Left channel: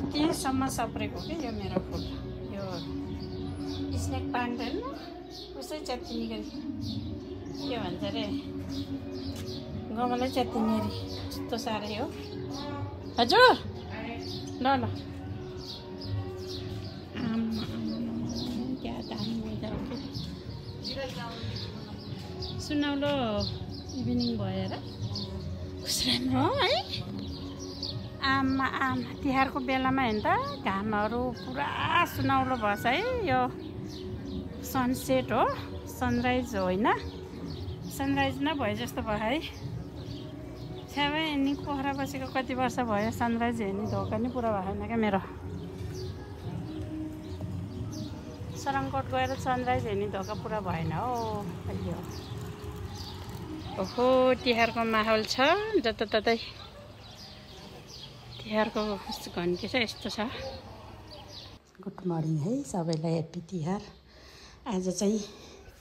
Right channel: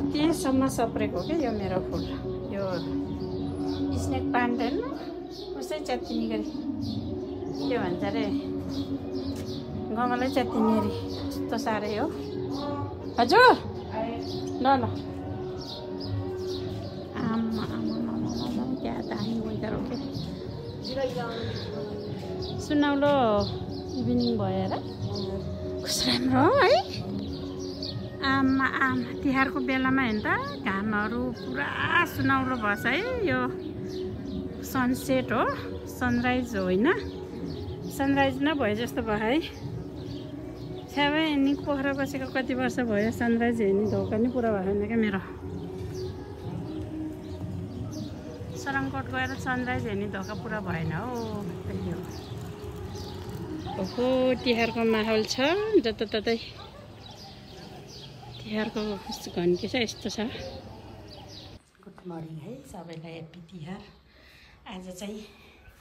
कतिसम्म सप्रेको के यो मेरो फुल यो स्नेक प्लान्ट होइन कसै च्यातिनी गरी के भन्छ अरे गमलै च्यातिनी अरे यस्तो साह्रै हो हजुर ल ल आमा क्या दामी वेदर हो क्या सुनौलो इभिनिङ भयो र कस्तो राम्रो हो है आमा आमा तिहारको बेलामा हेर्नु त घामहरू पुरा सुनौलो भएछ है यो सनसेट हो सनराइज हो होइन सनराइज नै भयो जस्तो भयो है छ्यामै नि पोखरा बसेको कति वर्ष भयो सनराइज हेर्ने धोका नि पुरा भएन क्या मेरो सरङकोट गएर सनराइज हेर्ने धोका पुरा भएन हो ओहो तिहारको माहौल छ जताततै तिहारको घन्टी चाहिँ यस्तो छ गुड मर्निङ है सबैलाई ह्याप्पी तिहार आज चाहिँ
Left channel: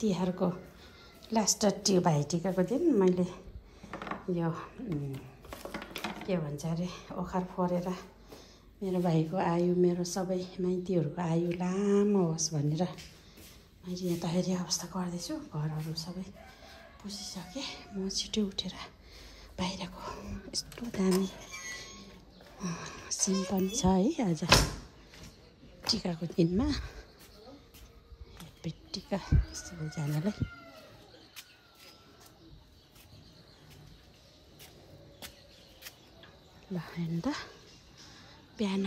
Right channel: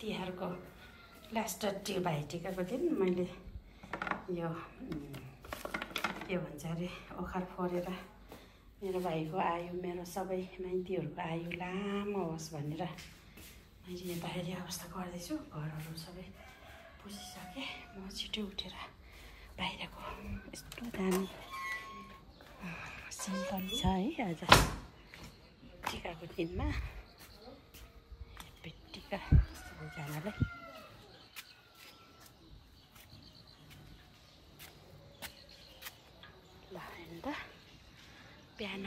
तिहारको लास्ट भाइटिकाको दिन मैले यो के भन्छ अरे ओखर फोरेर मेरो भाइको आयु मेरो सबै माइतीहरूको आयु लामो होस् भनेर मैले यहाँ तयारी अवस्था गर्दैछु घरहरू सबै पुसिसकेँ म छिटो उठेर बाहिरको यस्तो दामी सिन पनि छ है आज टिकाको दिनमा टिका सबैजनालाई ल हेर्नु त बिहान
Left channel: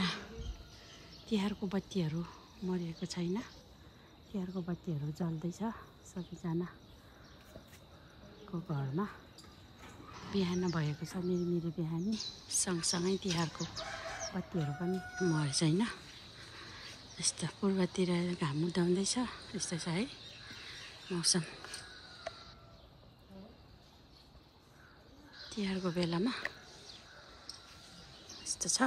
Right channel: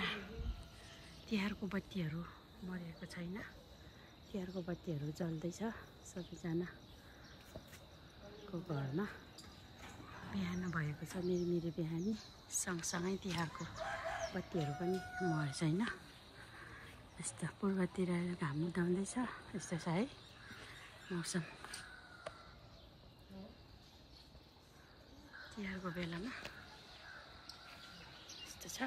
तिहारको बत्तीहरू मरेको छैन तिहारको बत्तीहरू जल्दैछ सबैजनाको घरमा बिहान भएको छ मेरो बिहानी सँगसँगै तिहारको बत्तीहरू पनि मरेको छैन यस्तो पूर्वतिर घाम उदाउँदैछ यस्तो छ है मौसम तिहारको बेलामा यस्तो छ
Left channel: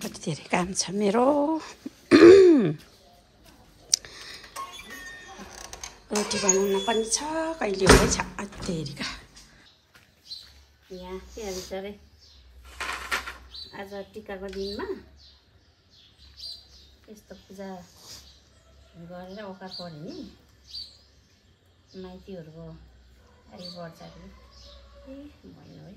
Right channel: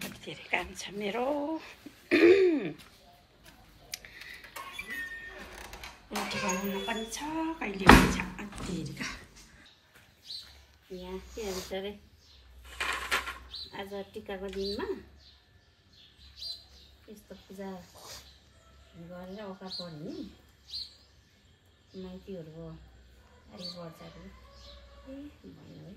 कति धेरै काम छ मेरो रोटी बनाउन पनि छ कहिले हुन्छ अत्तेरिका यहाँ के भन्छ अरे आज टिकाको दिनमा यस्तो पूजा गरेर ओखर पर्यो नि माइतीहरूको आयु बढ्छ अरे ए भएन है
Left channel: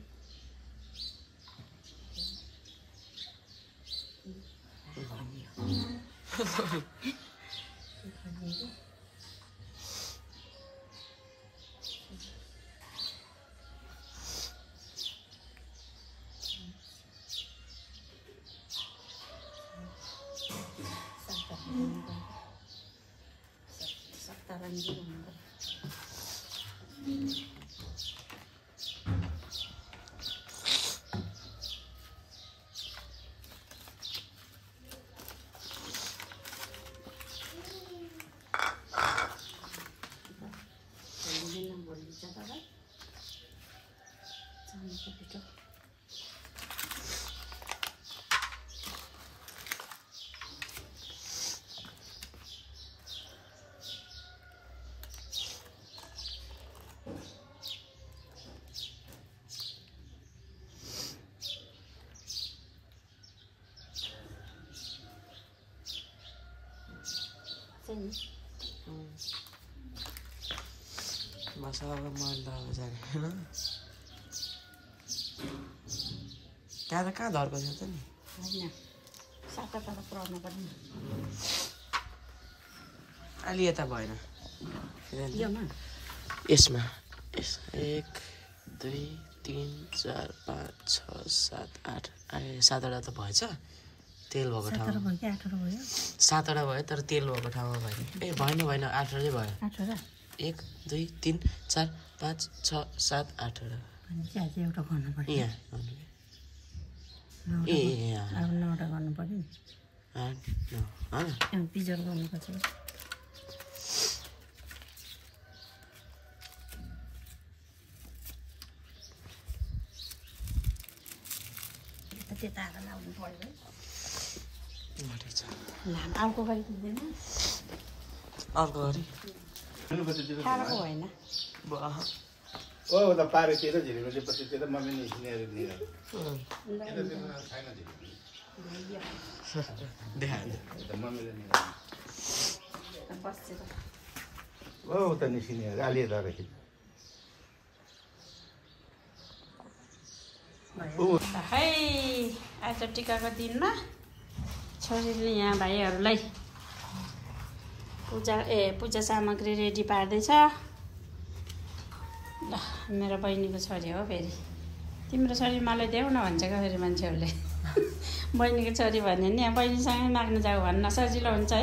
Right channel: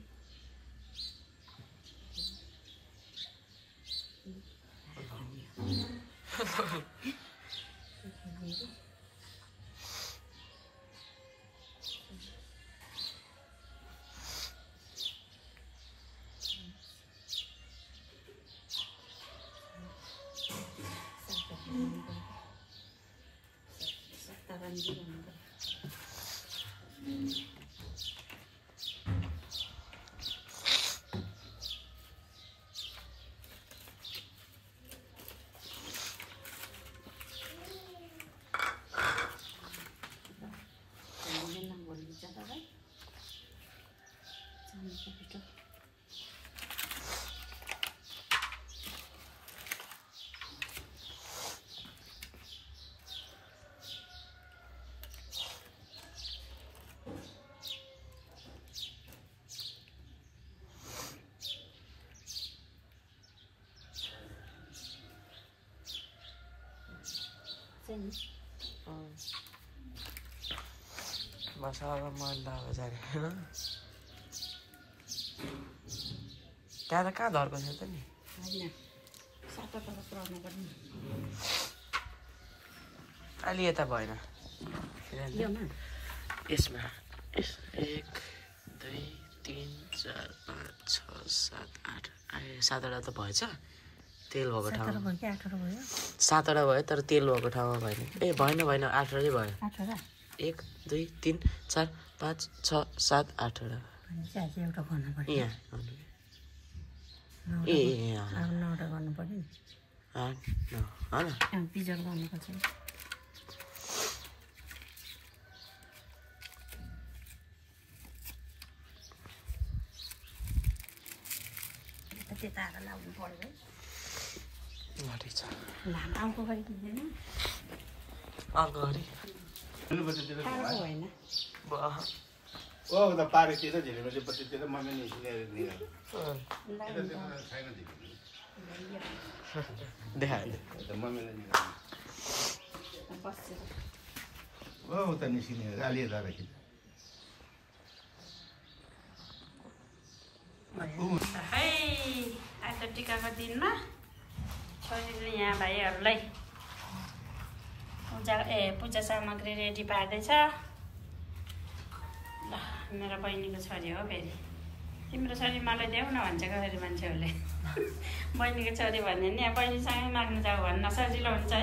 मसाला मैला हो जाने त्यहाँ त कहाँ धर्को छ त नि होइन साता तर पुऱ्याउनु पर्ने अलि यता भएन यसमा 1 2 3 4 5 6 7 8 7वटा त भएछ तेल भएको ठाउँमा 7वटा भयो तर तेल भएको ठाउँमा भएन ए भएन 8वटै भयो 1 2 3 4 5 6 7 8वटा एउटा गर्नु पर्यो यहाँ ए अब 9वटा गर्नु पर्यो नि 8 9 हैन पिजर गर्नुपर्छ त्यता आएर लाउनु पर्यो है लाम अर्को गरी दिँदैन अर्को गरी साह्रो होइन ओ त पारे त्यो त झिलिमा चाहिँ पछि त्यो त मम्मी निस्किएर दियो देखायो मम्मीले ओ त निस्किने गाली दरेको है आज टिकाको दिनमा छोरीले यहाँ भाइहरूलाई पूजा सामग्री रेडी पार्दैछ। ल मेरो बहिनीको छोरी हो फेरि तिम्रो छोरी मलाई देऊ न भन्छ क्या फेरि मान्छेहरूले बहिनीको छोरी भन्यो नि यहाँ बहिनीसँगै माग्नु जाऊ भन्न सजिलो हुन्छ है।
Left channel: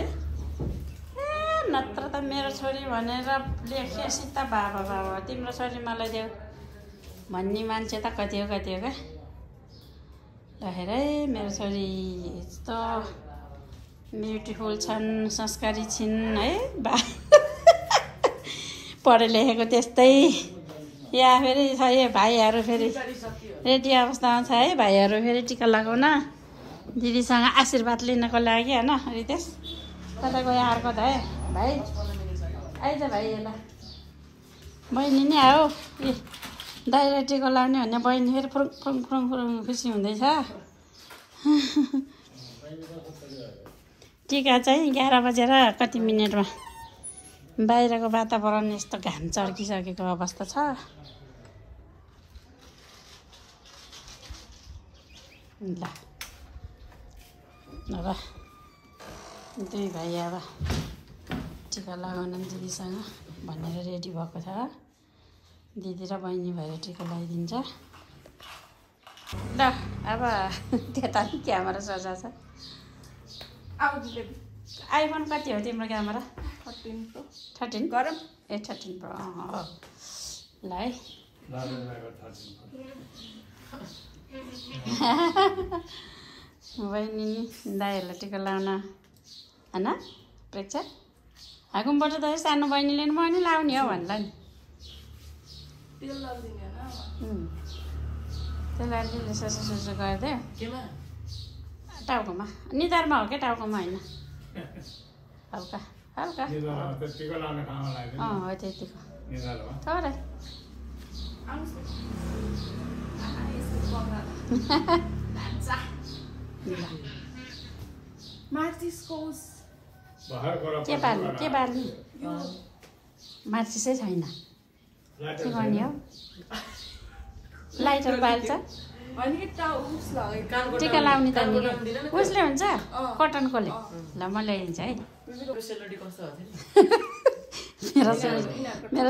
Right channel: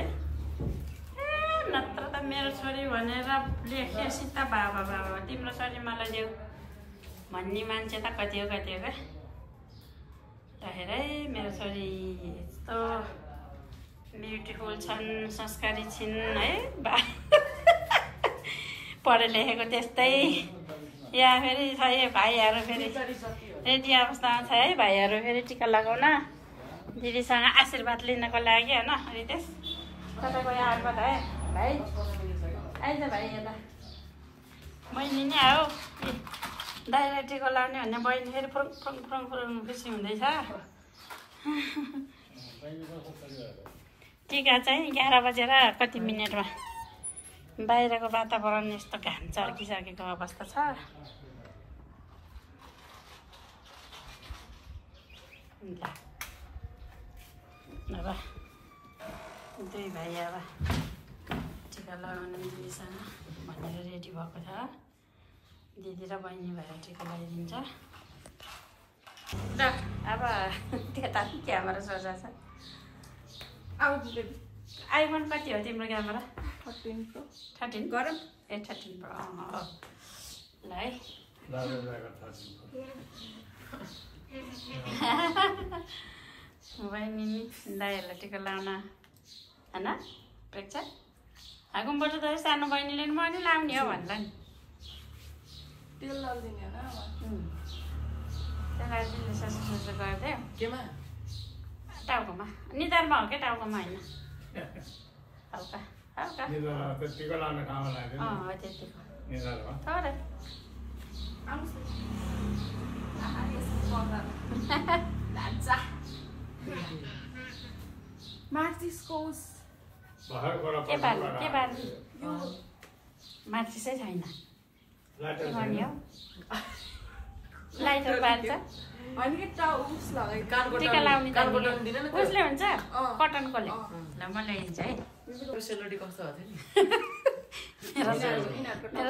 नत्र त मेरो छोरी भनेर लेखे सीता बाबा बाबा तिम्रो छोरी मलाई देऊ भन्ने मान्छे त कति हो क्या राखेर है। मेरो छोरी यस्तो ब्युटिफुल छन् संस्कारी छिन् है पढे लेखेको त्यस्तै या फेरि छ यो भाइहरू फेरि रेडी अवस्थामा छ है भाइहरू फेरि टिका लगाउन दिदीसँग आशीर्वाद लिनको लागि होइन। रितेश तपाईँको यहाँ आएको त है भाइ आइज भाइ यसलाई बहिनी नै आऊ दाइले टिका लाउने भने बहिनी फेरि फुरुङ फुरुङ फुरुङ फुरुङ खुसी हुँदैछ। टिका चाहिँ 11 बजेर कति मिनटमा बाहिरको वातावरण यस्तो घाम चर्किसकेको अवस्था छ। ल अब दुई भाइ अब टिका लगाउन दिदीसँग भनेर रेडी भएको छ। दिदी र बहिनी भएर टिका लगाइदिन्छ। ल अब त्यता क्यामेरा सजा छ। आइफोन कति हो तिम्रो क्यामेरा? 13 Pro 13 गरम ए 13 Pro ल है बहिनी दाइहरूलाई टिका लाउन होइन प्रेक्षा हाकुमबाट त सानो बहिनीले नि म नि लाउने हो भन्ला नि तेल लगाइदिने होइन त्यसलाई ससो ससो गरिदियो केमा टाउकोमा निधारमा हो क्या टाउकोमा होइन हल्का हल्का टिका लाउने ठाउँमा लाग्यो हो त्यतिको निधार हो तर के बार्ने मार्चिसै छैन लाइटर बाल्छ टिका लाउने उसले हुन्छ कटनकोले ल म ल्याइदिन्छ है। मेरो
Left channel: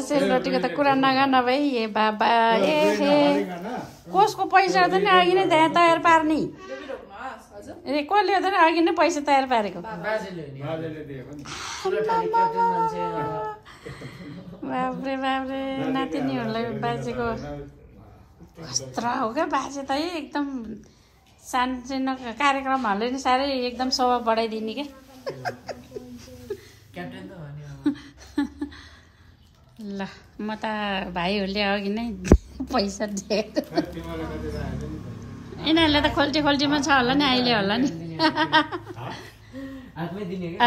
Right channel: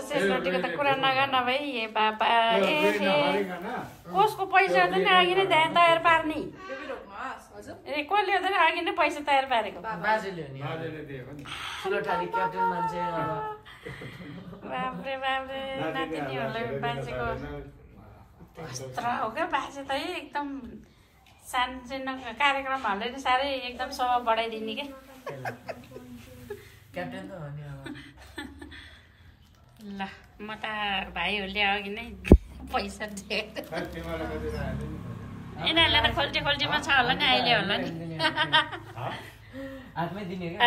सेलरोटीको त कुरा नगर्नु भाइ ए बाबा कसको पैसा त नि अघि नै तयार पार्ने ए कसले हो त अघि नै पैसा तयार पारेको बाबुरे बाबुरे नातिनीहरूलाई बाजेको वस्त्र हो क्या बाजे त एकदम सानो कार्यक्रमहरूले नि साह्रै एकदम शोभा बढाइदिने क्या ल म त भाइहरूले अघि नै पैसा दिएको यिनीहरूलाई त खोल्टी खोल्टीमा छ होला नि अहिले होला नि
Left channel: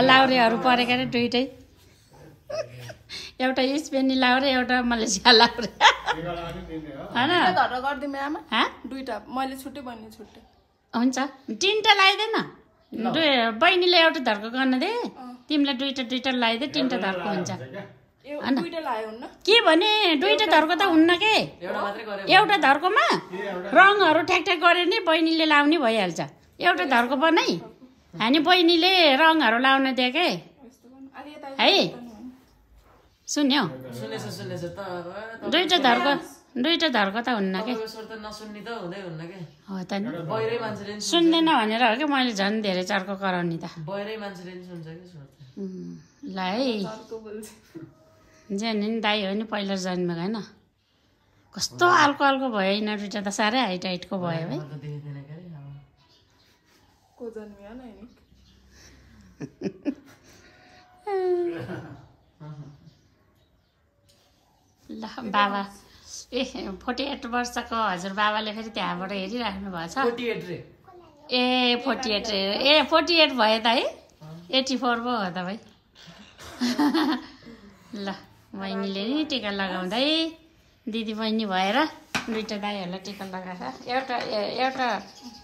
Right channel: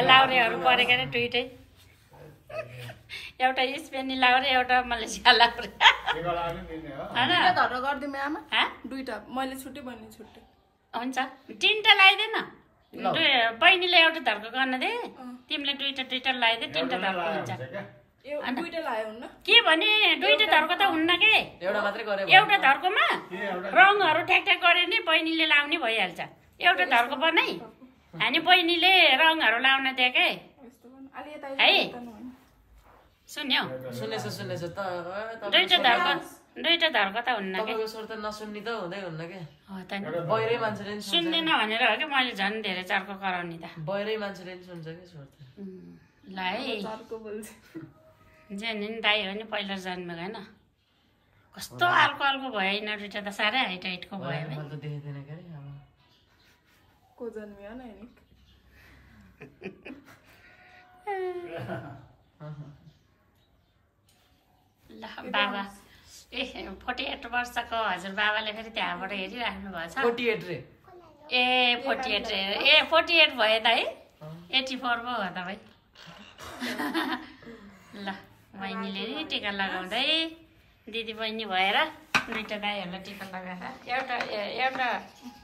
लाउरेहरू परेका नि दुइटै एउटा स्पेनी लाउरे एउटा मलेसिया लाउरे दुईटा मैले छुट्टै बहिनी छुट्टै हुन्छ तिनवटा लगाइदेन बहिनीले एउटा धर्को गर्न दे तिमीले दुईटा लगाइदे तिनवटा धर्को हुन्छ के भने दुईटा धर्को त हुन्न के एउटा धर्कोमा रङहरू ठ्याक गरे नि बहिनीले लाउने भइहाल्छ। एउटा धर्को बनाइ हामी बहिनीले रङहरू लाउन दिए के है सुन्यो दुईटा धर्को त हुन्न के सुन्दैन भनेर हो क्या मैले झन् धेरै चर्को गराउने त ल है जाने नि दाइ हो नि पहिला जन्मेको होइन कस्तो अल्को भयो यिनीहरू दुइटा त साह्रै हाइट हाइटको भयो है ल बाबा ए 48 वर्षको हजुर बाबाले फेरि त्यहाँबाट हेरिराख्नु भएको छ 48 भयो त है 84 पो हो त भाइ ल बहिनीले नि टिका लगाउँदै दिदी बहिनी भएर दुईटा दाईहरूलाई टिका लगाएर एउटा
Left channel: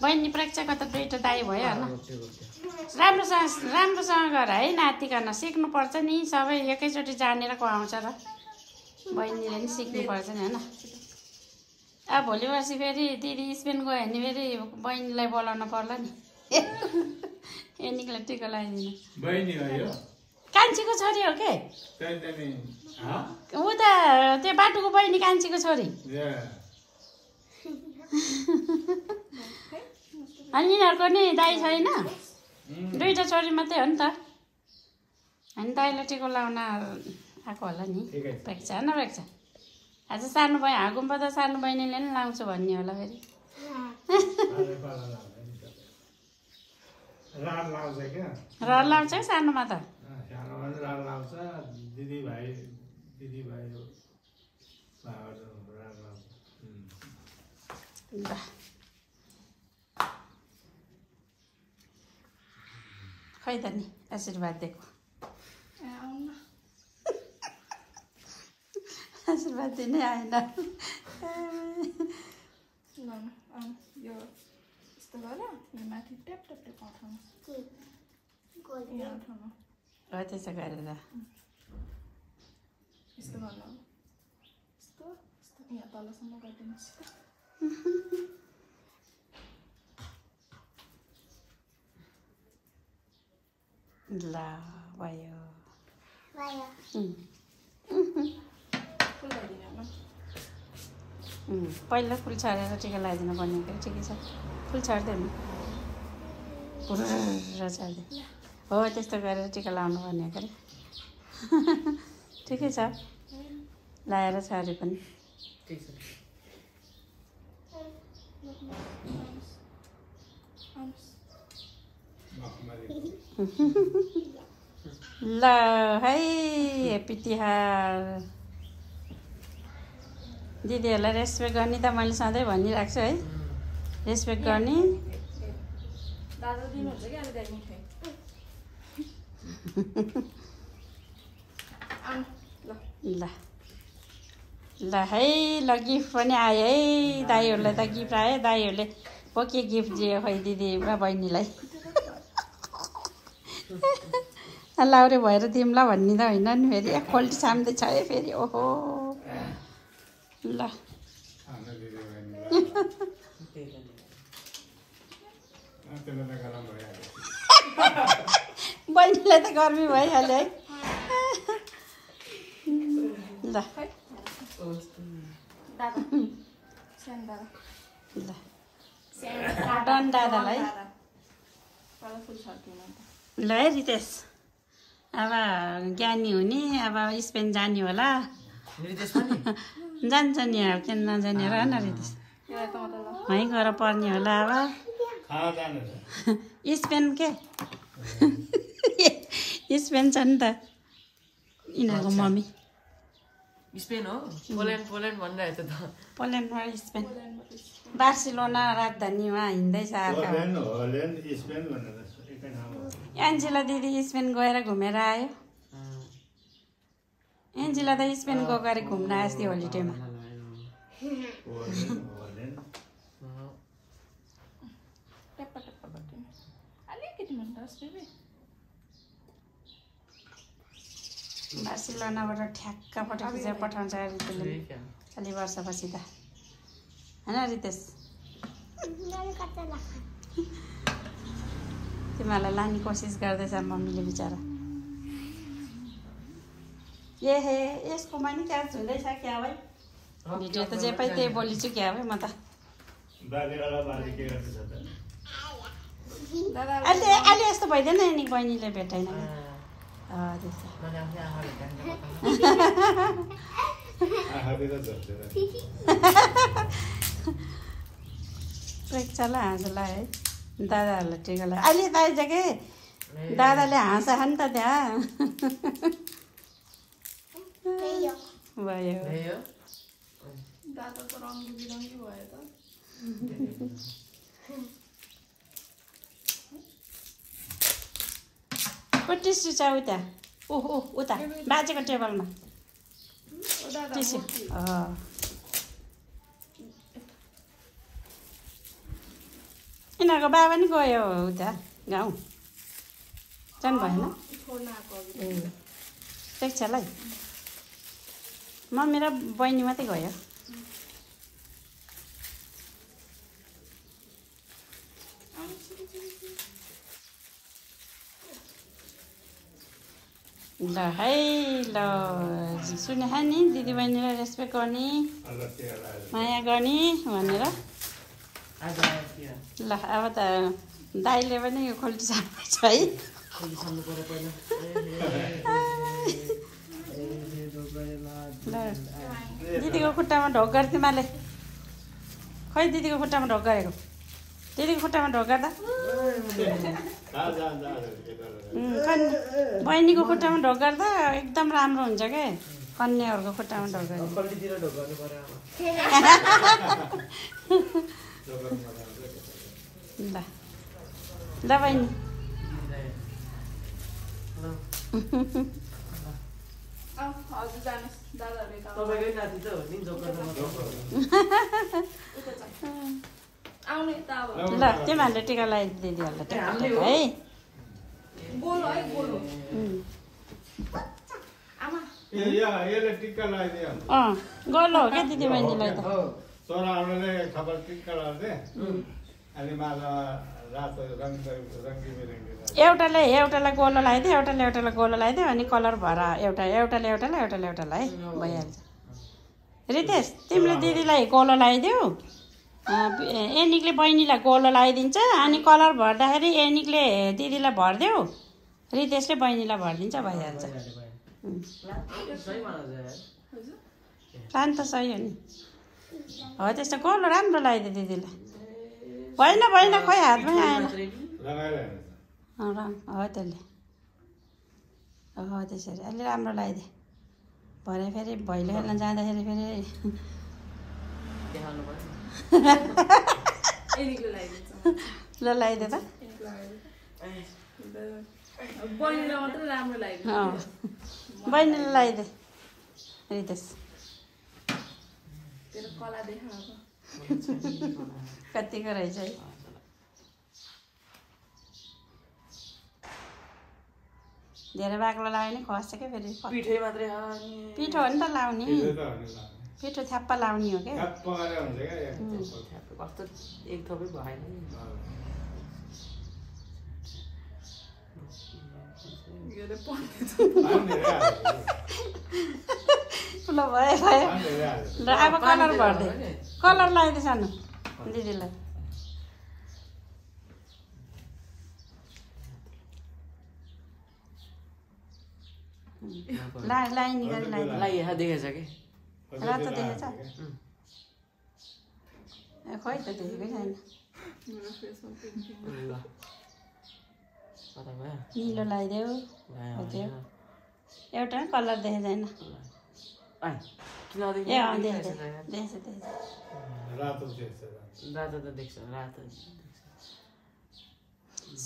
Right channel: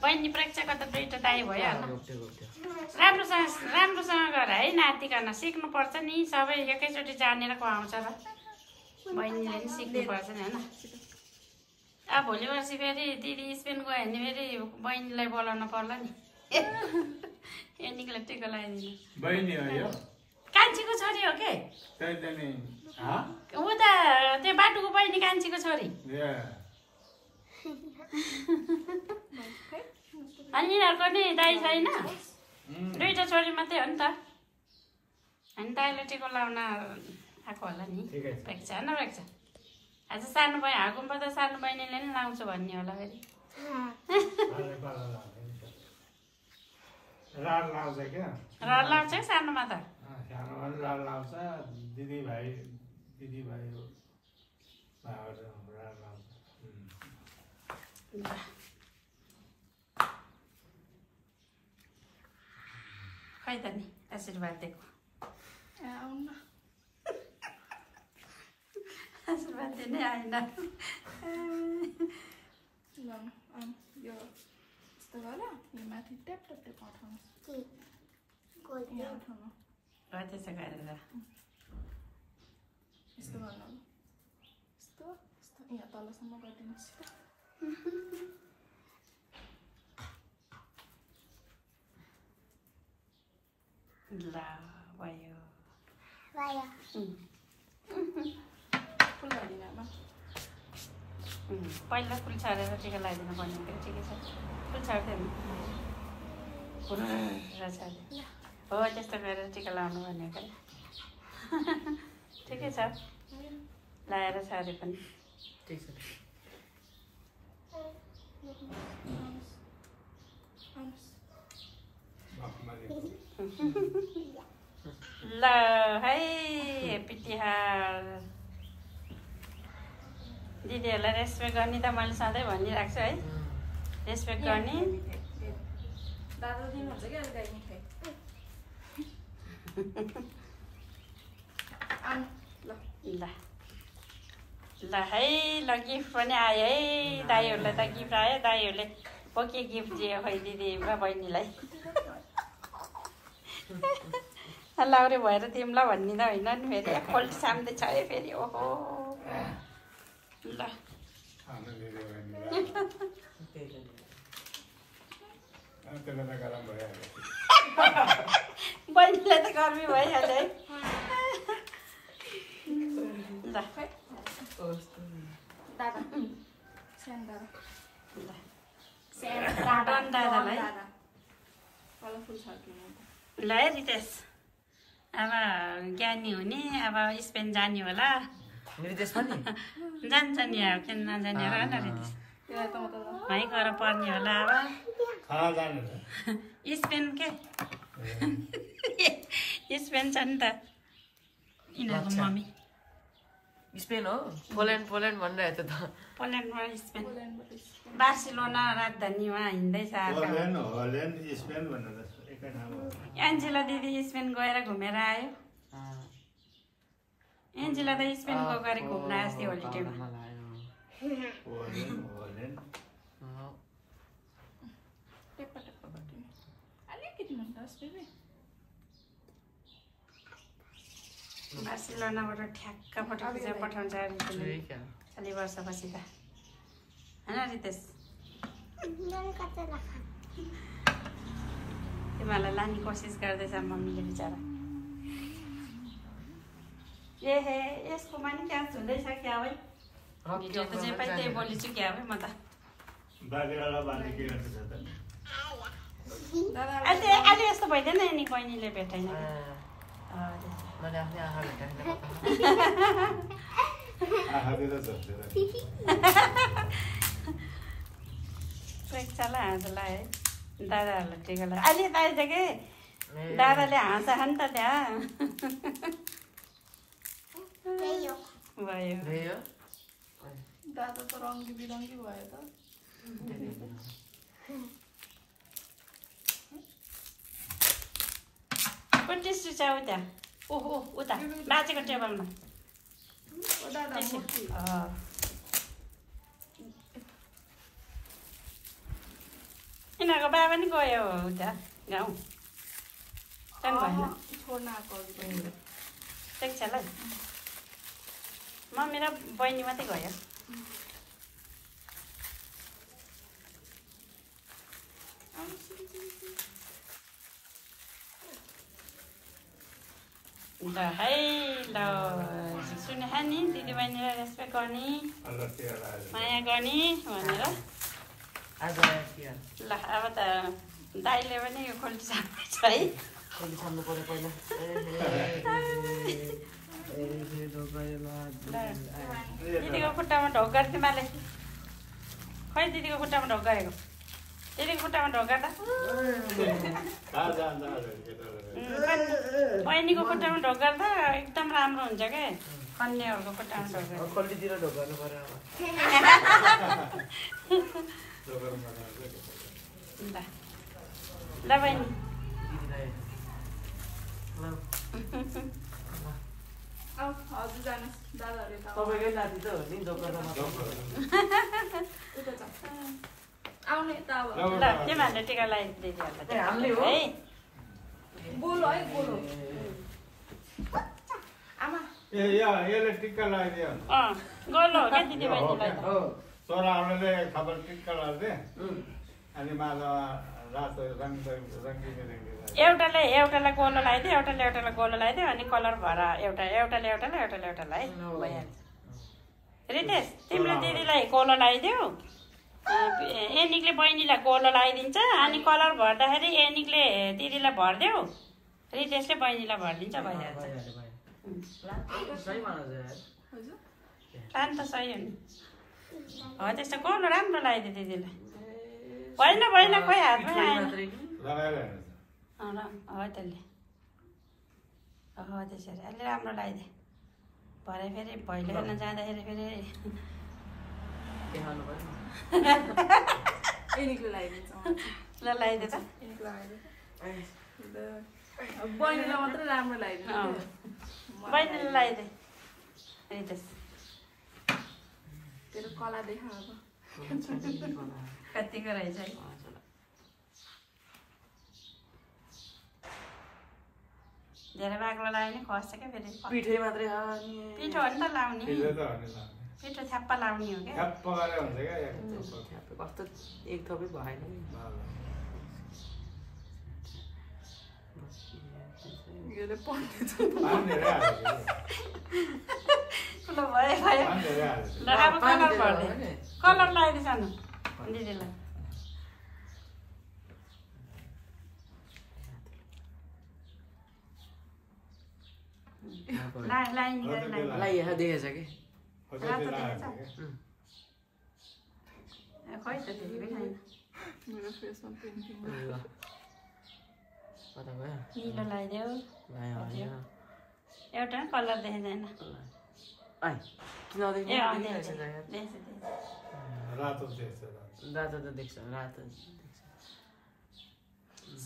बहिनी प्रेक्षकमा त दुईटा दाई भयो होला राम्रोसँग गर है नाति गर्न सिक्नुपर्छ नि सबै एकैचोटि जानेर को आउँछ र बहिनीले पनि सिक्नुपर्छ नि होइन अब भोलि पर्सि फेरि दिदी स्पेन गयो भने फेरि बहिनीलाई बोलाउन पर्ला नि एनिकलाई टिका लगाइदिनु कान्छीको छोरी हो के ऊ त त्यो बाटोको बहिनी कान्छीको छोरी अनि यिनीहरूको नि दाई छैन दुईटा छोरी मात्रै हो नि त अनि दाईलाई टिको लाउन आएको होला नि प्रेक्षा होइन प्रेक्षा आज सानो बहिनी हाँगुम्बा त सानो बहिनीले नि लाउँछु भन्ने होला फेरि रहर लाउँछ है सानोमा त सानोमा राल लाउँछ दिदीभाइ खै त नि आशीर्वाद दिएको आशीर्वाद दिनै आएन यो यस्तो गर यो माथि ट्याप ट्याप ट्याप उठाउनु हो त्यसो गरेर यस्तो गर्नु यस्तो यस्तो यहाँ तलसम्म गरिदिनुहोस् त ल भयो फुल गरिदिनु आमा पहिला फुल छाडेर टिका लगाइदिनु पर्ने हुन्छ ठिकै छ फुल छाड्दै फुल छाड्दै हो त्यस्तो गरेर टिका लगाउनु पर्ने हो ठिकै छ लगाएर छाडे पनि ठिक छ ल है हेप्पी तिहार दिदीहरूलाई रेस्पेक्ट गर्ने त मैले सधैँ भनिरहेको छु है रेस्पेक्ट गर्ने दादा दिनुहुन्छ कि अहिले गाई मिठाई ल ल है ल गिफ्ट पनि आयो है दाईहरूलाई त गिफ्ट आयो दाईहरूले हो के गिफ्ट दियो खै दिदी र बहिनीलाई लाउरे भएर दिउँला भन्ने त होइन नि फेरि एकपल्ट साम्दैछ है फेरि ओहो ल बहिनीलाई त गर्मी भइहाल्यो है ल दादा सानो दादा डन दादालाई कलरफुल छर्किनु ल है रितेश अब ज्ञानी हुने अब स्पेन जाने होला जान्छ नि अब किन नजाने र न रितेश वहीँ गएर पर्ने होला अब स्पेन के स्पेन छ नि त यिनीहरूको मम्मी स्पेन हो पोल्यान्ड भनिरहेको थियो त पोल्यान्डमा स्पेन बार्सिलोना राजधानीमा हिँड्दैछ एन्जेला दिदी स्पेन गएर घुमेर आयो एन्जेला त स्पेन गएर घुम्न आएको थियो होलिडेमा अलिकति भन्नुहोस् बेबी बार्सिलोनाबाट ठ्याक्क पठाउँछ अलि वर्षपछि त होइन रितेश तिमीहरूलाई लाने कोसिस गर्दैछ मम्मीले बिचरा ए हे यसकोमा नि क्याच हुँदैछ क्या है भिडियो त जे पाइ त्यही बोलिछु क्या है म त अहिले यस्तो भइदिएन नि बहिनीले भेटाएन प्रेक्षालाई हाँसलाई है दादाहरूलाई टिका लगायो अहिले त आइज के दादाले हाँस नि त त्यहाँ भयो दादा त रङ्गी बिरङ्गी भयो त टिस्यु छ उता ओहो उता बाजेको टेबलमा ओ दादा मूर्ति यिनीहरूको बाबा नि गयो उता गाउँ जानु भएन छोड्न आएको अघि ठिक छ ल मम्मी र बहिनी मात्रै गयो ल है ल सुने नि दिदीबहिनीलाई रेस्पेक्ट गर्ने माया गर्ने भनेर ल अब त दाइले पनि खोल्टी सार्दैछ है दिदीको खुट्टामा ढोक गर् तिमीले खै दिदीको खुट्टामा ढोक गएको दिदीको खुट्टामा ढोक गर्दा बहिनीको खुट्टामा ढोक गर्दा एकदम राम्रो हुन्छ क्या कन्याहरूको खुट्टामा ढोक गर्दा ल बहिनी हजुर जानुहोस् दादाहरूले तपाईँकै नाति त हो नि दोकानमा उता छ आउनु यता अब ल त्यो भनेर टिका लगाइदिदीहरूलाई हामीले हो है गोलो है गोलो आमा यसले टिक्का लगाइदियो गर्नु हो क्या दिदीबहिनीलाई त छोराहरूले खबर टिक्का लगाइदिए अनि माझमा रातो एउटालाई गोलो लगाइदियो एउटालाई गोलो लगाइदियो अनि कलर भएर एउटालाई है भइहाल्छ रितेश तिमीले दिदीलाई गोलो लगाइदियो एनिकले बहिनीलाई गोलो लगाइदिन्छ अनि कलर भर्दाखेरि एनिकले दिदीलाई भरिदेऊ रितेशले बहिनीलाई भरिदिन्छ भइहाल्छ प्लान त सही हो नि हो त्यस्तो गोलो राम्रो लगाइदियो दिदीलाई होइन खै हातमै आएन हो त्यसले हो त्यसरी अलि राम्रो लगाइदिए भरे फेरि भैलो खेल्न जाँदाखेरि फेरि एनिकले लगाइदिन्छ ल लगाइदिए त एनिक लगाइदिन्छ बहिनीलाई मात्रै राम्रो लगाइदिन्छ बहिनीले लगाइदिए रितेश तेरो कला देखा अब कतिको रहेछ है धेरै बाक्लो लाग्यो नि खस्छ क्या फेरि पिठै मात्रै पिठो हो नि त लाउने पिठो थ्याप्पा लाउने हो क्या कस्तो एक थोपै भएन ल भयो ल अब कलर लगाइदिए सानो दिदीलाई लाइन देखेछ कि रातो देखेछ खै त देखेकै छैन मेरो फेसमा पेन्टिङ निलो लगाइदेऊ एउटा कलर देखेको छैन रातो त देख्छ रातो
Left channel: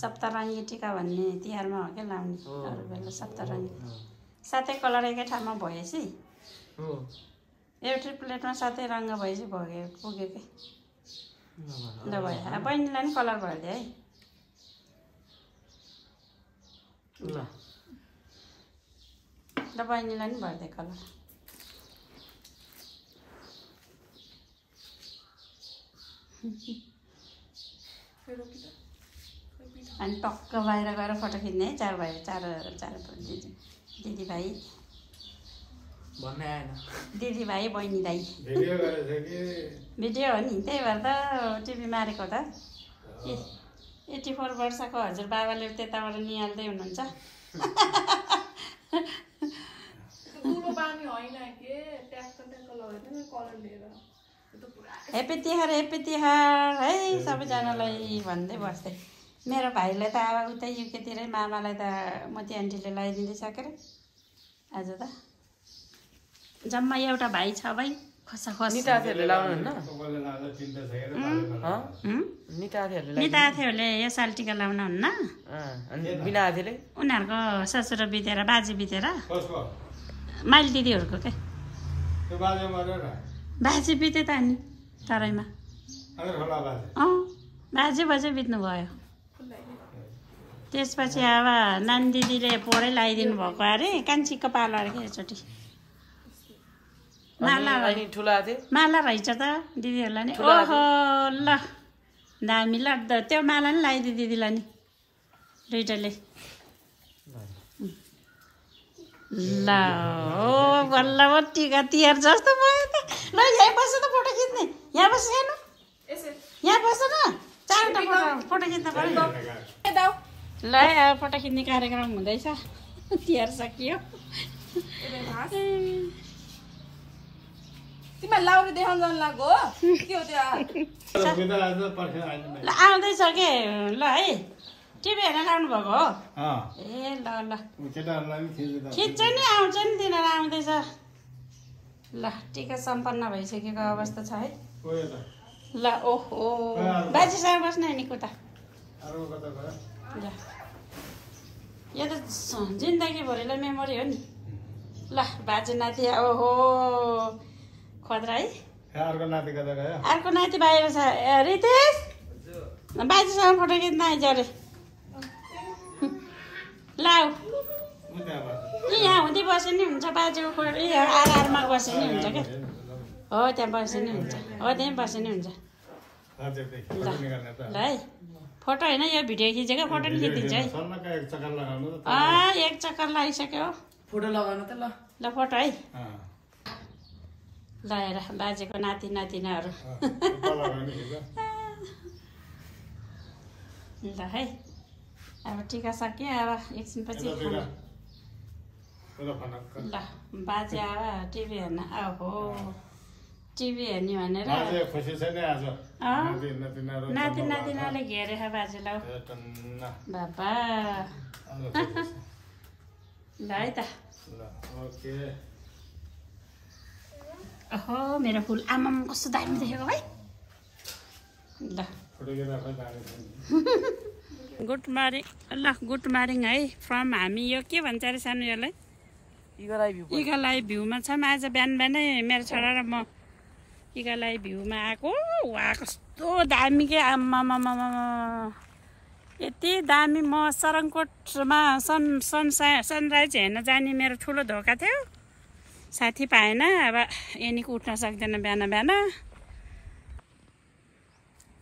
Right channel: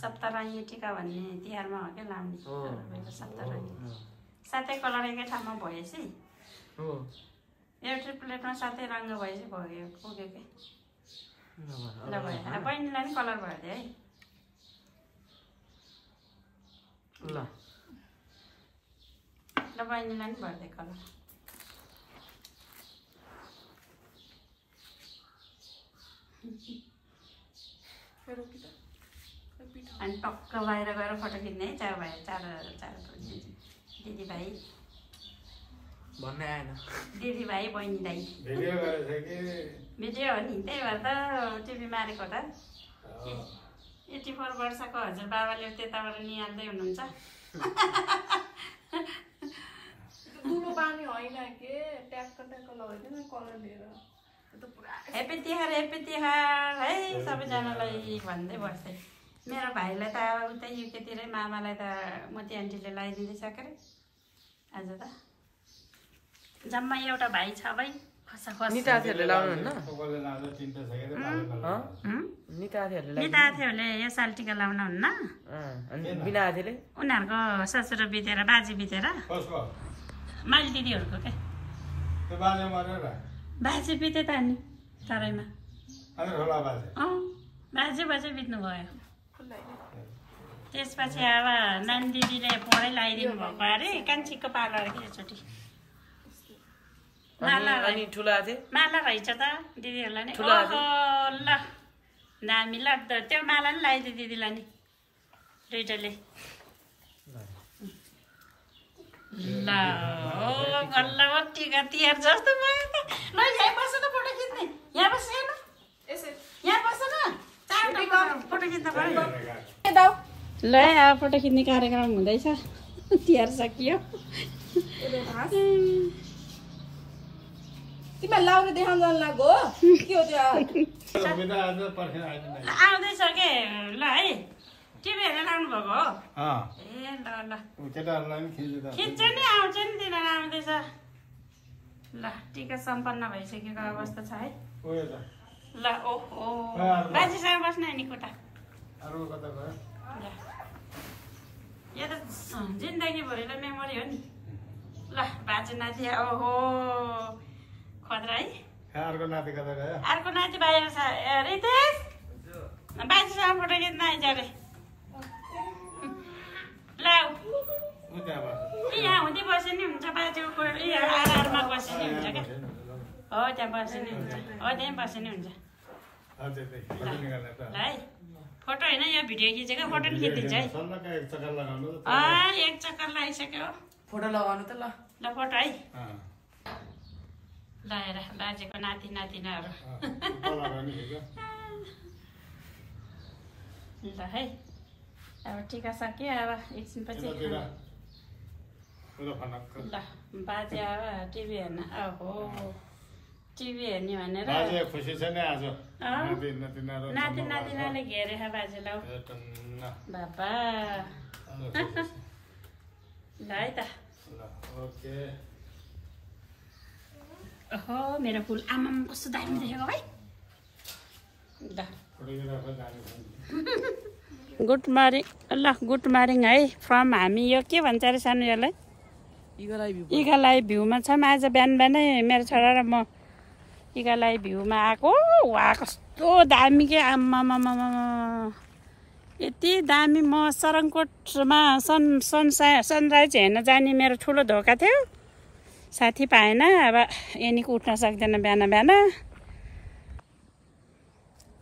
सप्तरङ्गी टिका भन्ने तिहारमा हो क्या लाउने सप्तरङ्गी सातै कलर एकै ठाउँमा भएपछि एउटै प्लेटमा सातै रङ्ग भएपछि पुग्यो कि ल भयो बहिनीलाई नि कलर भइदियो है ल बहिनीलाई नि भरिदियो कलर अनि टक्क बाहिर गएर फोटो खिच्ने है चार दिदीभाइ भन्ने आएन दिदीभाइ बहिनी दाइ भिडियो हो नि त्यही भएर त टिभी मारेको त 84 वर्षको हजुरबाबाले त्यताबाट निहाल्दै हुनुहुन्छ दुलो बानी होइन के ट्याक्क लगाइदिनु कलर लिएर हेप्पी तिहार है सबैजनालाई भन्दै बस्दै मेरो भाइलाई त अब उतै युकेतिरै मामालाई त मोती आन्टीले लगाइदिँदैछ के आज त जम्मा एउटा भाइ छ भाइ निताथीहरूले लाउनुहुन्न निताथीहरूले यो साल टिका लाउनुहुन्न उनीहरूको ससुरो बितेर बाजे बितेर माइली दिदीहरूको के बाजे बिते त नि तराईमा बाजे बाजे बित्नु भयो त्यसपछि अब नानी दिदीले पोरै लगाइदिनु भएको अरे कान्छीको पालो अरे एकचोटि माला रहेछ त दिदीहरूलाई नि ओहो ल दामी ल त्यो माला नि लगाइदियो दिदीलाई नि दुइटाले ल ओ बल्ल टिका तिहार जस्तो भयो त ल यहाँ बस्छ त फोटो खिच्ने यहाँ बस्छ हेर्नु यहाँ बस्छ न चारवटा फोटो खिच्न पर्यो ल अब फोटो खिच्ने कार्यक्रम हुँदैछ तिहार सकियो तिमीलाई लाउरे देखाउन जानु लाग्यो हो के हो त्यो आउँदैछ के ल है टिभी हेरेर आउनु भएको हो ए ल ल खिच्छ नि आउँछ नि तिनीहरू आउँदैछ ल टिका सम्पन्न भइसकेको अवस्था छ है ल ओहो बाजेसँग बस्न नि कुता यो त जिन्दगीभरिलाई मेमोरी हो नि ल बाजे नाति ओहो खतरा है अर्को नाति बाहिर छ रितेश बाजेसँग फोटो खिच्न आइज अरे लाउ यहाँ हुँदै बसे नि हुन्छ बाजेको आधारमा बसे नि हुन्छ क्या हो त्यहाँ बसे नि हुन्छ हो त्यहीँ बसे नि हुन्छ ल है फोटो होइन यो भिडियो खिचेको फोटो नि खिचिदिन्छ है एक चक्कर लगाइसक्यो फोटो लगाउनु त ल ल फोटो है ल हेर बाजेको नाति नातिनाहरू ल है अब टिका सक्यो अब एकछिनपछि ल बाजे अब टिभी हेर्न ओहो टिभी हेर्ने भनेर नाति नातिनाले घेरेछ बाजेलाई बाबा ल है त ओहो मेरो फुल आमाम कस्तो दामी देखेको है ल गुड मर्निङ ल गुड मर्निङ है फ्रम हामी यो के भन्छ अरे सानो यसलाई इगालाई भ्यूमा छौँ आज बिहान बिहानै मेरो छोरा र म इगालाई भ्यूमा आएको वा कस्तो दामी के आम्मामामा यति दामी म सरङकोटमा सनराइज हेर्न जाने मेरो ठुलो धोका थियो साथी पाएन अब यहाँनिर उठ्न सक्दैन बिहान बिहान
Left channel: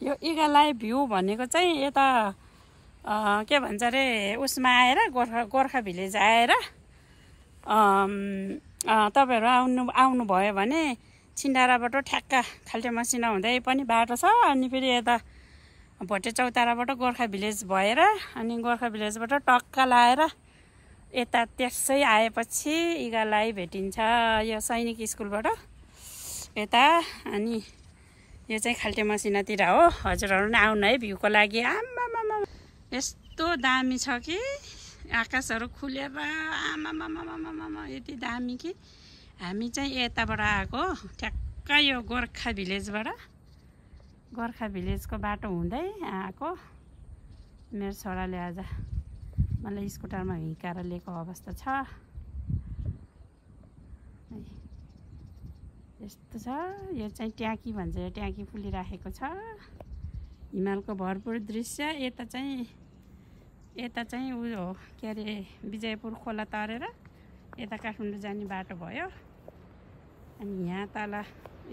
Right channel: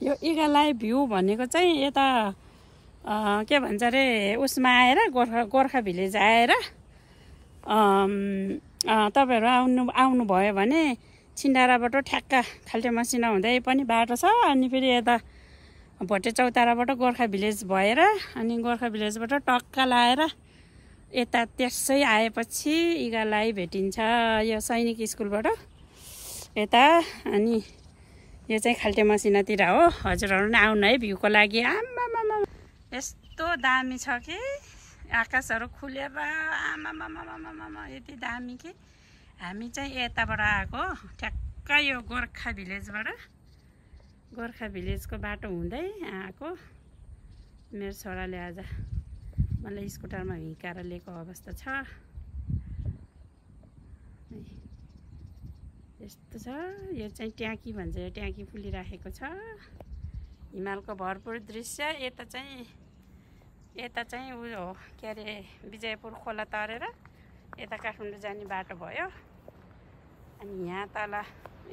यो इगालाई भ्यू भनेको चाहिँ यता के भन्छ अरे उसमा आएर गोर्खा भिलेज आएर तपाईँहरू आउनुभयो भने छिन्डाराबाट ठ्याक्क खाल्टे मसिना हुँदै पनि बाटो छ अनि फेरि यता भोटे चौताराबाट गोर्खा भिलेज भएर अनि गोर्खा भिलेजबाट टक्क लाएर यता त्यसै आएपछि इगालाई भेटिन्छ यो सैनिक स्कुलबाट यता अनि यो चाहिँ खाल्टे मसिनातिर हो हजुरहरू नि आउनु है भ्यूको लागि आमामामा यस्तो दामी छ कि आकाशहरू खुलेर आमामामामामा यति दामी कि हामी चाहिँ यताबाट आएको ठ्याक्क यो गोर्खा भिलेजको बाटो हुँदै आएको मेरो छोराले आज मलाई स्कुटरमा हिँकाएर लिएको अवस्था छ यस्तो छ यो चाहिँ ट्याकी भन्छ यो ट्याकी फुलिराखेको छ हिमालको भरपुर दृश्य यता चाहिँ उयो हो के अरे विजयपुर खोला तरेर यता काठमाडौँ जाने बाटो भयो अनि यहाँ तल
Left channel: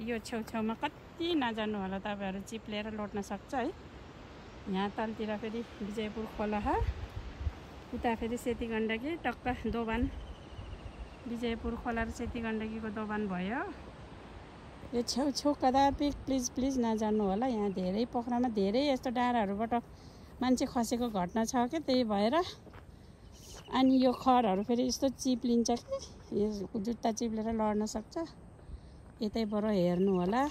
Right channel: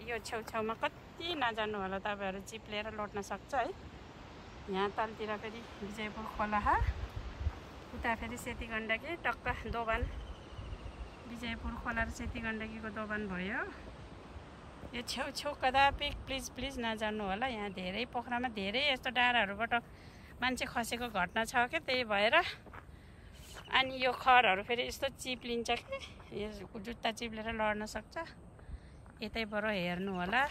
यो छेउछाउमा कति नजानु होला तपाईँहरू चिप लिएर लोट्न सक्छ है यहाँ तलतिर फेरि विजयपुर खोला हो उता फेरि सेती गण्डकी टक्क दोबान विजयपुर खोला र सेती गण्डकीको दोबान भयो यो छेउ कदापि प्लिज नजानु होला यहाँ धेरै पोखरामा धेरै यस्तो डाँडाहरूबाट मान्छे खसेको घटना छ क्या त्यही भएर अनि यो खरहरू फेरि यस्तो चिप्लिन्छ कि जुत्ता चिप्लेर लड्न सक्छ यतैबाट हेर्नु होला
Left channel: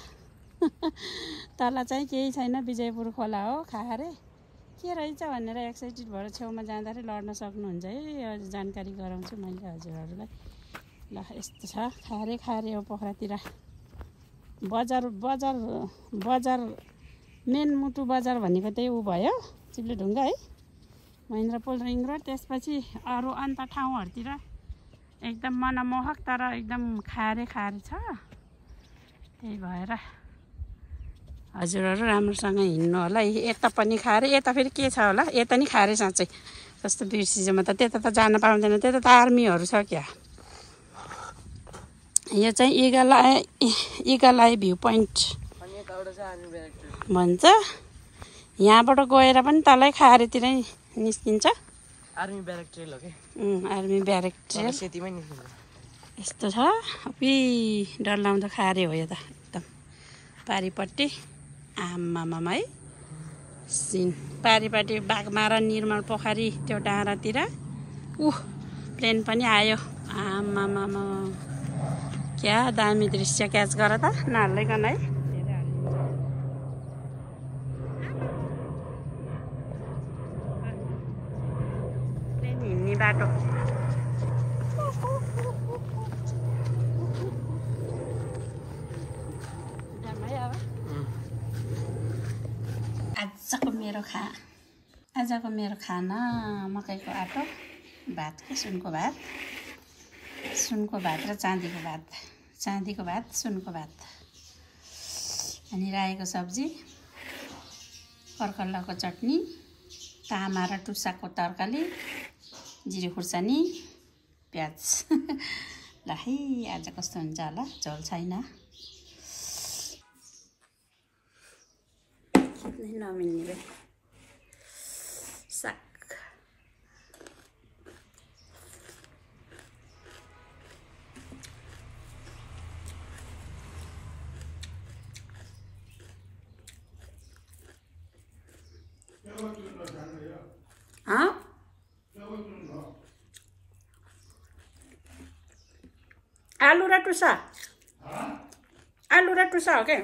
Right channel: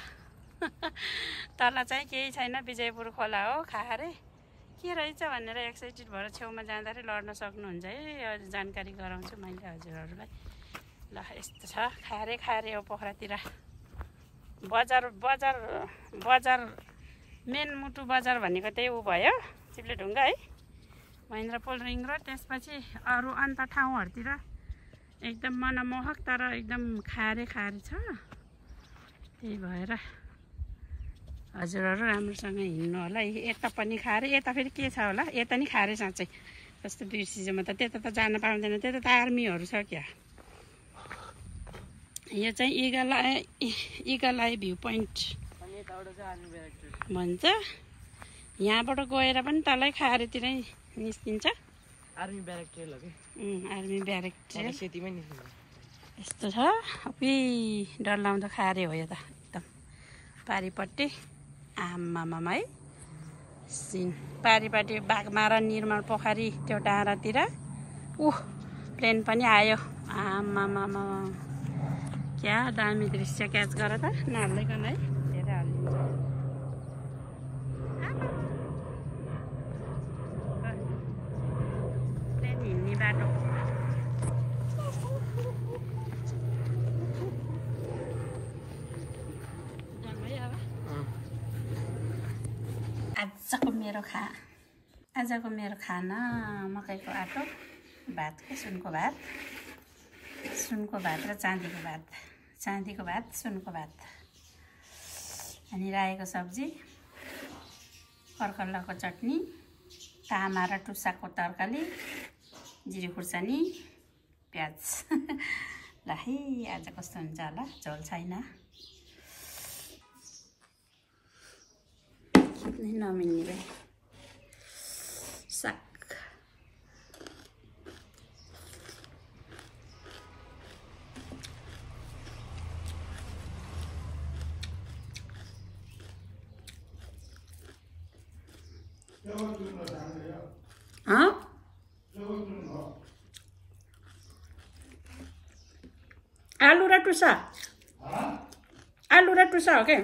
तल चाहिँ केही छैन विजयपुर खोला हो खारे के रहेछ भनेर एक्साइटेड भएर छेउमा जाँदाखेरि लड्न सक्नुहुन्छ है अझ जानकारी गराउँछु मैले हजुरहरूलाई ल यस्तो छ खारे हो पोखरातिर बजार मेन मुटु बजार भनेको त्यही ऊ भयो चिप्लेढुङ्गा है महेन्द्रपुल रिङ रोड त्यसपछि अरू अन्त ठाउँहरूतिर एकदम मनमोहक तर एकदम खारे छ त्यही भएर हजुरहरू राम्रोसँग हिँड्नु होला है। यता पनि खारे, यता फेरि के छ होला, यता नि खारे साँच्चै कस्तो बिर्सिन्छ म त। त्यता त जान पाउँदैन, त्यता त आर्मीहरू छ क्या। यो चाहिँ इगल आई भ्यू पोइन्ट भन्छ। यहाँबाट गएर पनि तलै खारेतिरै निस्किन्छ। आर्मी ब्यारेक ट्रेल हो के? आर्मी ब्यारेक ट्रेल सेतीमै निस्किन्छ। यस्तो छ। अबि डरलाग्दो खारे हो यो त एकदम पारिपट्टि। आमामामा है सिन पारिपट्टि बाघमारा निर्मल पोखरी त्यो डाँडातिर प्लेन पनि आयो। आमामामा क्या दामी दृश्य क्याच गर त नहाल्दैकन है। प्लेन हिँड्ने बाटो आजको मेरो खाना मकैको आटो भात के सुनको भात र चाँदीको भात सुनको भात अनि रायोको सब्जी, कर्कल्लाको चटनी, तामा र टुसाको तरकारी, जिरे खुर्सानी, प्याज। ल है आज कस्तो हुन्छ होला, झोल छैन नमिल्ने भाइ साग। आलु र टुसा, आलु र टुसा हो क्या।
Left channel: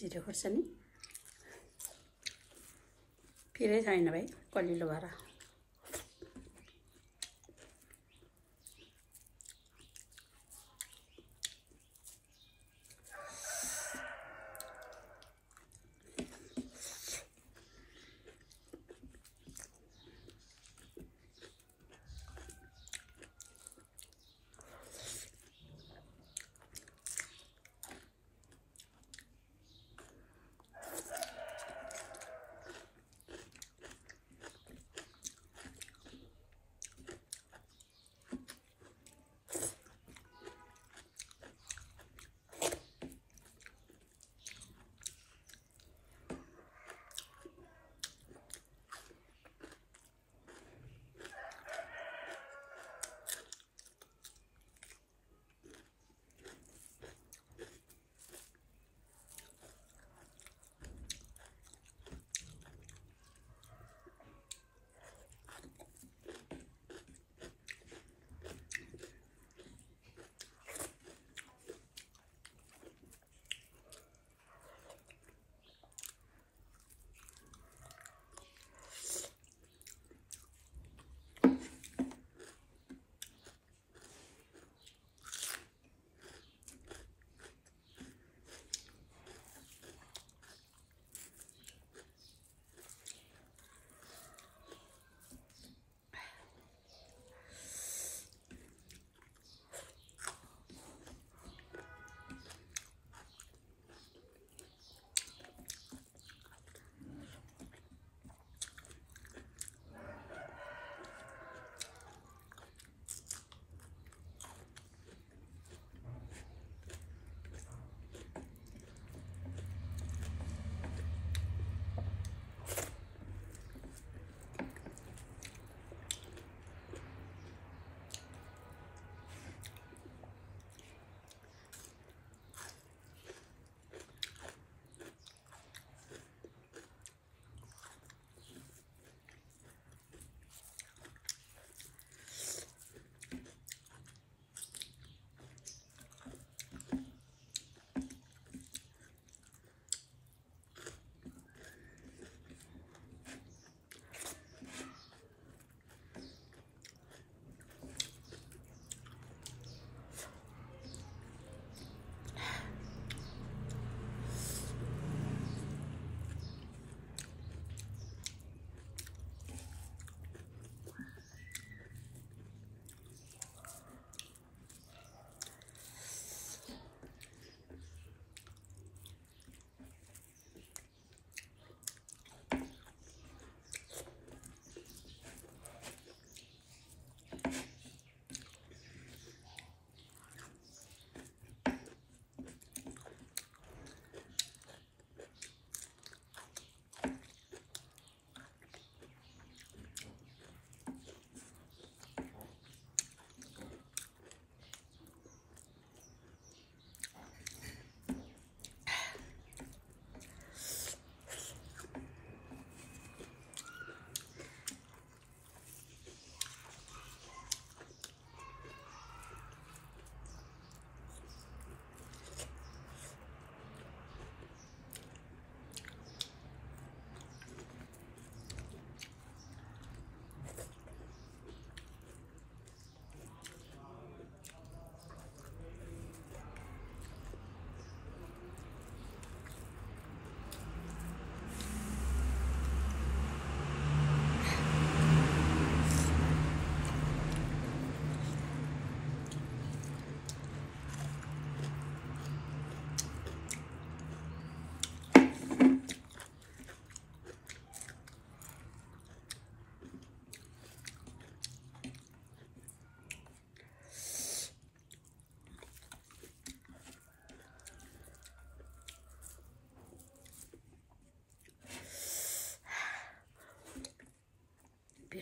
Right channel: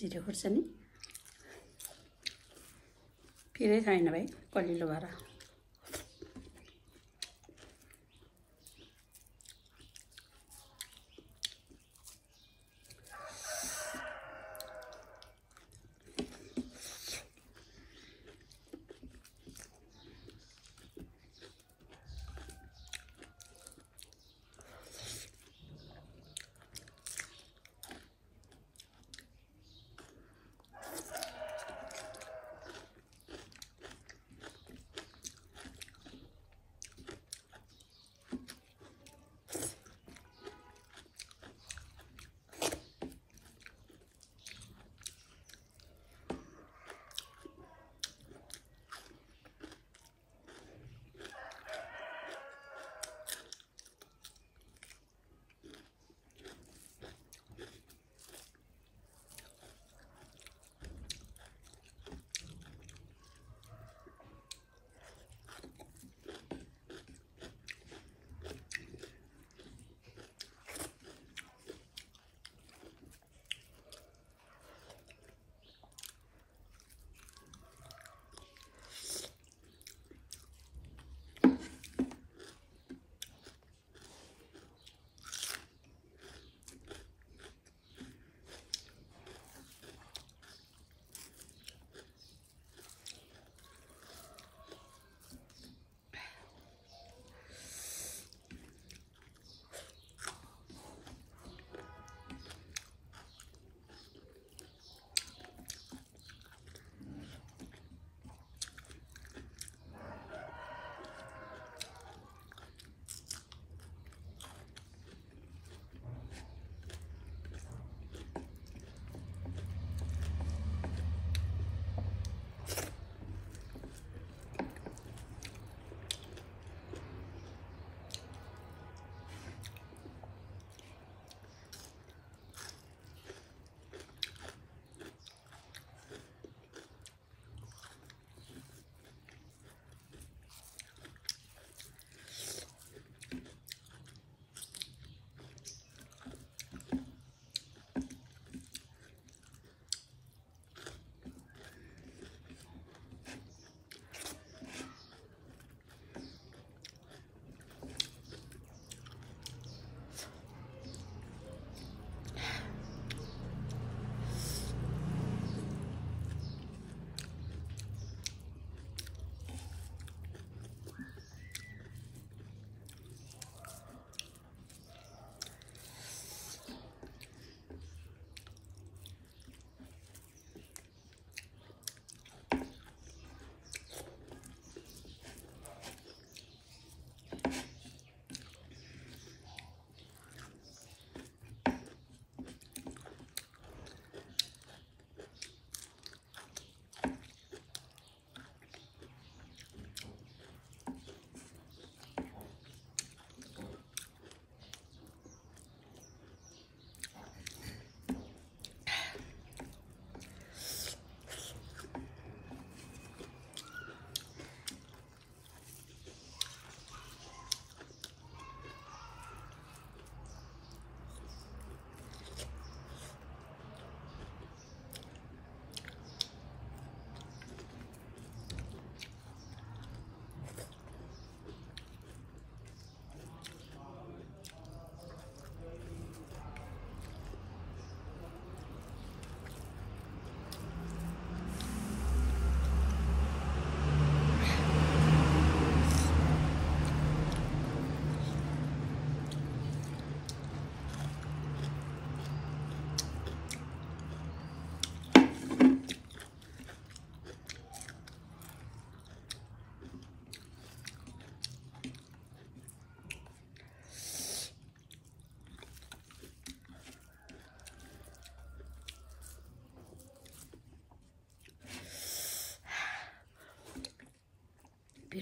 जिरे खुर्सानी फिरै छैन भाइ कलिलो भएर।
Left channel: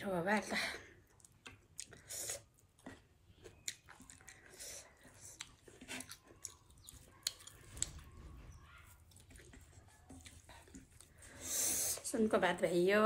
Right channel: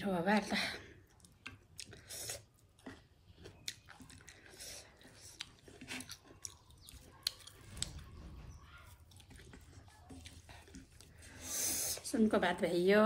मिठो हो भएर त सुनको भात भइयो